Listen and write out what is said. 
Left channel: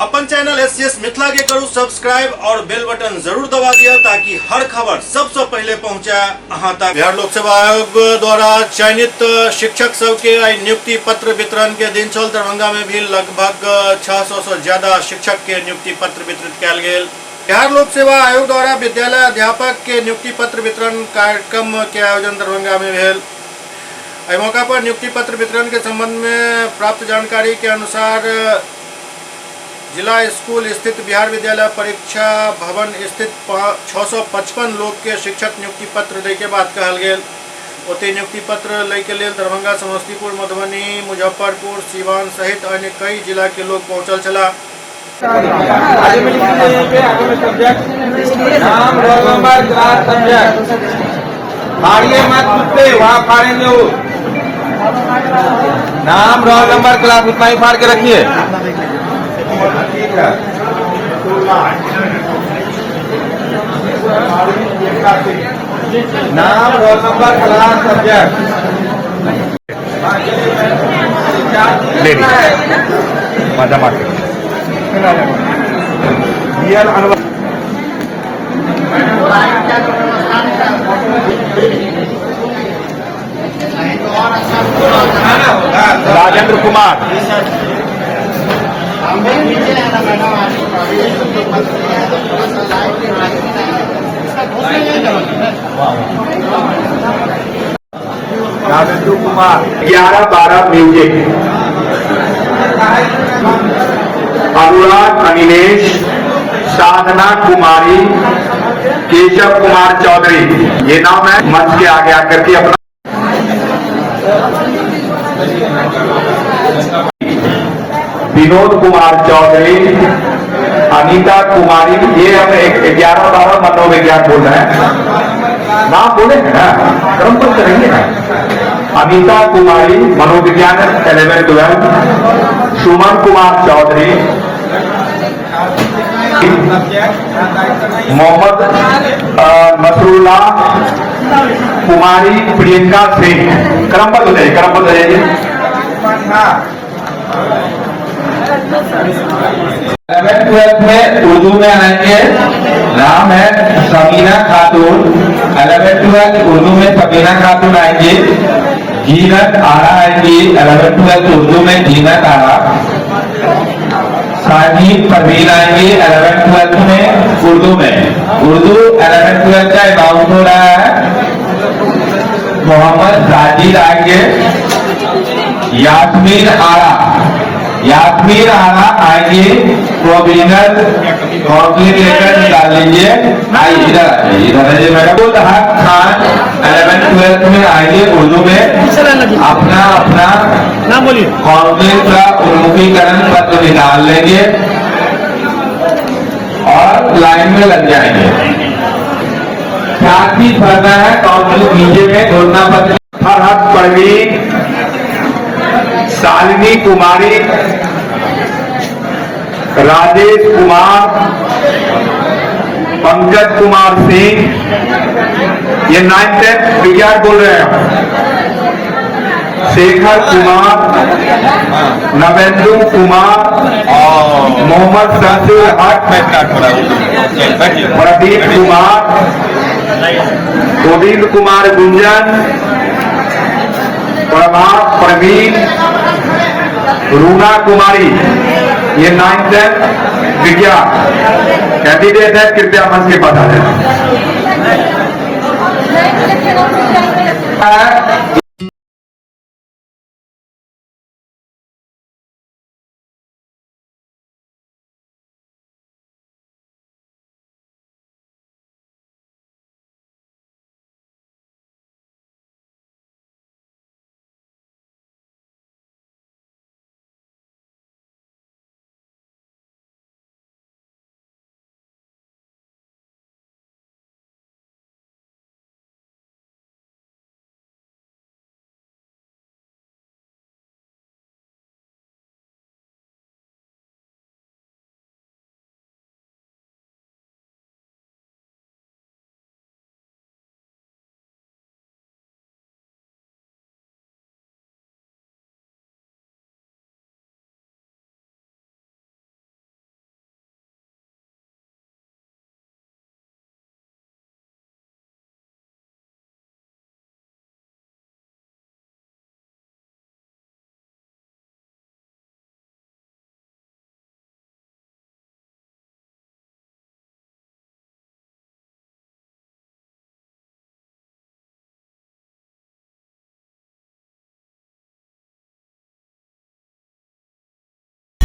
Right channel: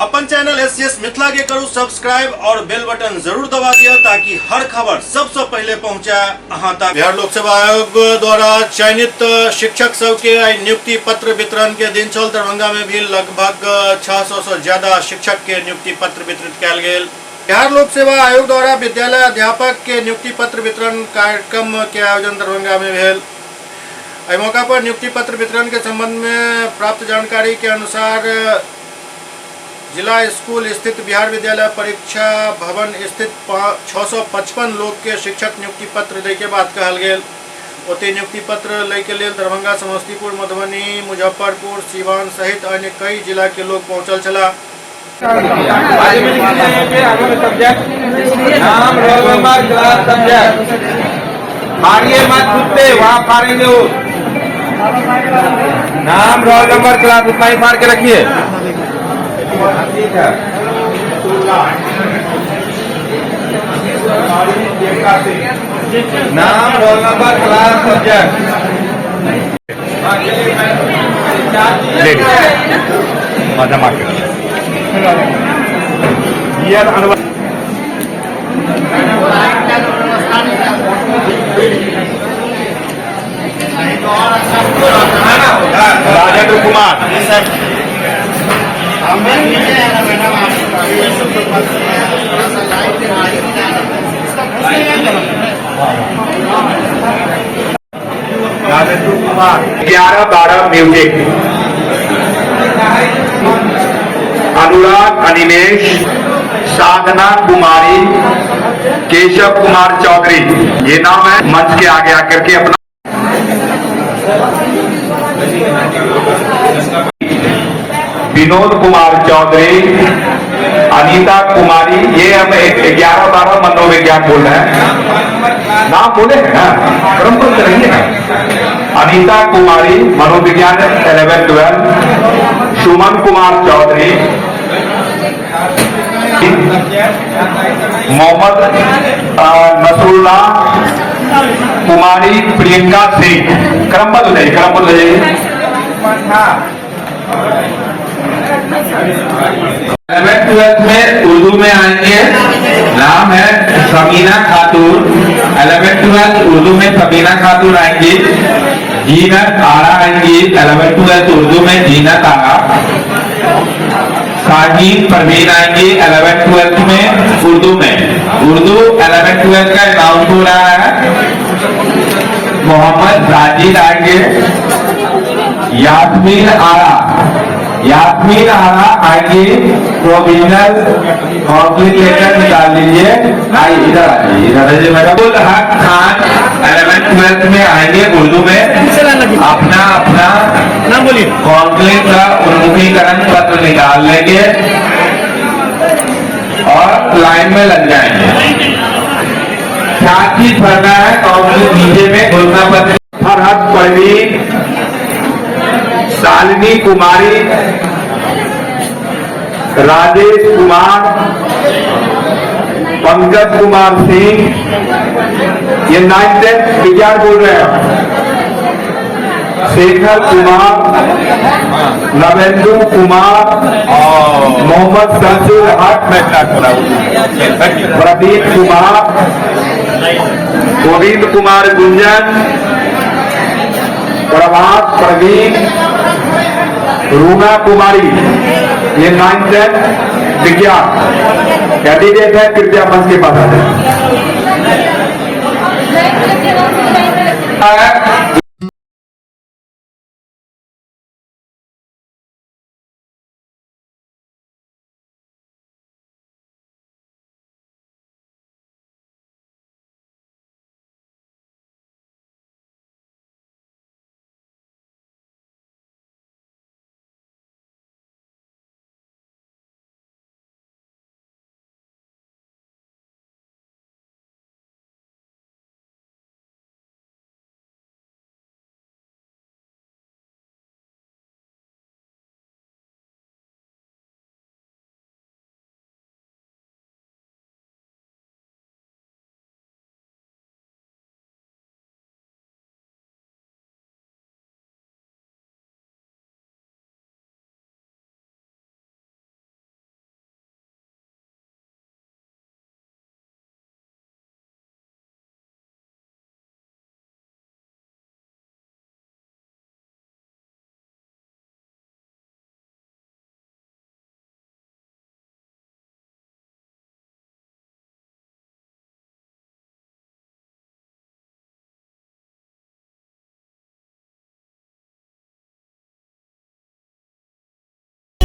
अपन channel SCS Mithila के करू subscribe और बेल बटन जरूर दबा दिया ताकि हर खबर सबसे पहले पहुंचे अहां तक। बिहार लोक सेवा आयोग द्वारा चयनित शिक्षक सब के नियुक्ति पत्र वितरण के दिन चल दरभंगा में भी लगभग 600 से ज्यादा शिक्षक के नियुक्ति पत्र वितरित किया गेल। बिहार लोक सेवा आयोग द्वारा विद्यालय अध्यापक के नियुक्ति पत्र वितरण कार्यक्रम के आयोजन दरभंगा में भेल। इस मौका पर नियुक्ति पत्र वितरण के संबंध में प्राप्त जानकारी के अनुसार जिला स्कूल स्थित बिहार विद्यालय परीक्षा भवन स्थित 655 लोग के शिक्षक नियुक्ति पत्र दे के बात कहल गेल। ओते नियुक्ति पत्र ले के लिए दरभंगा, समस्तीपुर, मधुबनी, मुजफ्फरपुर, सीवान सहित अन्य कई जिला के लोग पहुंचल छला। नाम, रोल नंबर, क्लास उतना ही फाड़ के रखिए। नाम, roll number, class, subject. Rajendra Kumar, Rajendra Kumar 11-12 music. Anurag Anilesh, Sadhana Kumari, Keshav Kumar Chaudhary, ये नाम है। मंच के आगे आकर के अपना विनोद कुमार चौधरी, अनीता कुमारी, ये हम 11-12 मनोविज्ञान बोल रहे हैं। नाम बोले क्रम पर चलेंगे। अनीता कुमारी मनोविज्ञान 11-12, सुमन कुमार चौधरी, मोहम्मद नसरुल्लाह कुमारी, प्रियंका सिंह। क्रम पर ले जाइए। 11th-12th में उर्दू में आएंगे। नाम है सबीना खातून। 11th-12th उर्दू में सबीना खातून आएंगी। जीनत आरा आएंगी। 11th-12th उर्दू में जीनत आरा। साजिद परवीन आएंगी 11th-12th में उर्दू में। उर्दू 11th-12th का अकाउंट हो रहा है। मोहम्मद साजिद आएंगे। यास्मीन आरा आएंगे। प्रोविजनल काउंसलिंग लेटर निकाल लीजिए। इधर है मैडम। हक खान 11th-12th में आएंगे उर्दू में। अपना काउंसलिंग का उन्मुखीकरण पत्र निकाल लेंगे और लाइन में लग जाएंगे। क्या चीज भरना है काउंसलिंग नीचे में घोषणा पत्र। फरहत परवीन, शालिनी कुमारी, राजेश कुमार, पंकज कुमार सिंह, ये 9th-10th विज्ञान बोल रहे हैं। शेखर कुमार, नवेंदु कुमार, मोहम्मद शमसुल हक, प्रदीप कुमार, गोविंद कुमार गुंजन, प्रभात प्रवीण, रूना कुमारी, ये 9th-10th विज्ञान कैंडिडेट है। कृपया मंच के पास आ जाए।